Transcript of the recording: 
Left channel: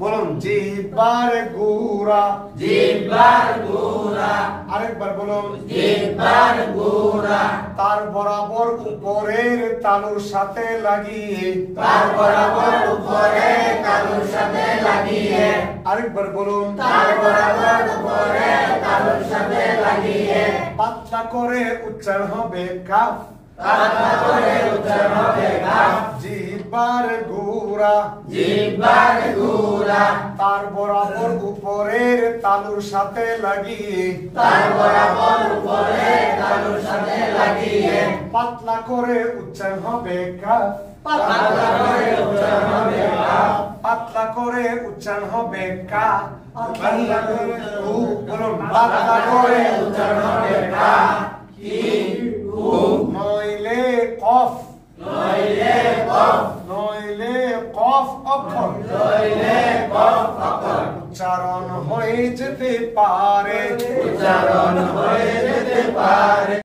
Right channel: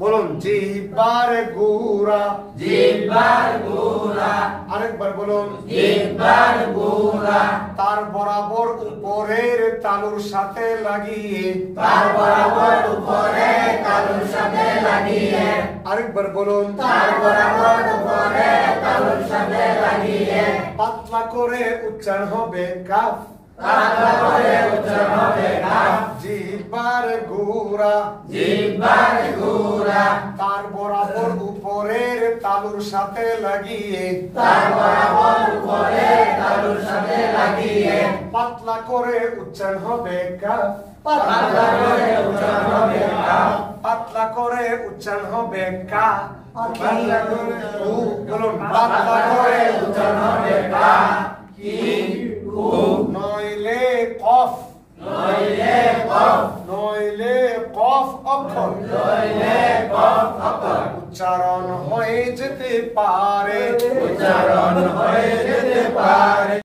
বলুন জিহ্বার গুড়া, জিহ্বার গুড়া, আরেকবার বলুন জিহ্বার গুড়া, তার বরাবর উপরের তালুর সাথে লাগিয়ে, তার বরাবর উপরে তালুর সাথে লাগিয়ে, আরেকবার বলুন তার বরাবর উপরে তালুর সাথে লাগিয়ে, পাতলা করে উচ্চারণ হবে কাফ, পাতলা করে উচ্চারণ হবে কাফ, জিহ্বার গুড়া, জিহ্বার গুড়া, তার বরাবর উপরের তালুর সাথে লাগিয়ে, তার বরাবর উপরে তালুর সাথে লাগিয়ে, পাতলা করে উচ্চারণ হবে কাফ, পাতলা করে উচ্চারণ হবে কাফ, পাতলা করে উচ্চারণ হবে কা, পাতলা করে বলুন পাতলা করে উচ্চারণ হবে কা, কি কু, নইলে কফ, নইলে কফ, নইলে কফ অক্ষর নইলে কফ অক্ষর, উচ্চারণ হয়ে যেতে পারে, উচ্চারণ হয়ে যেতে পারে।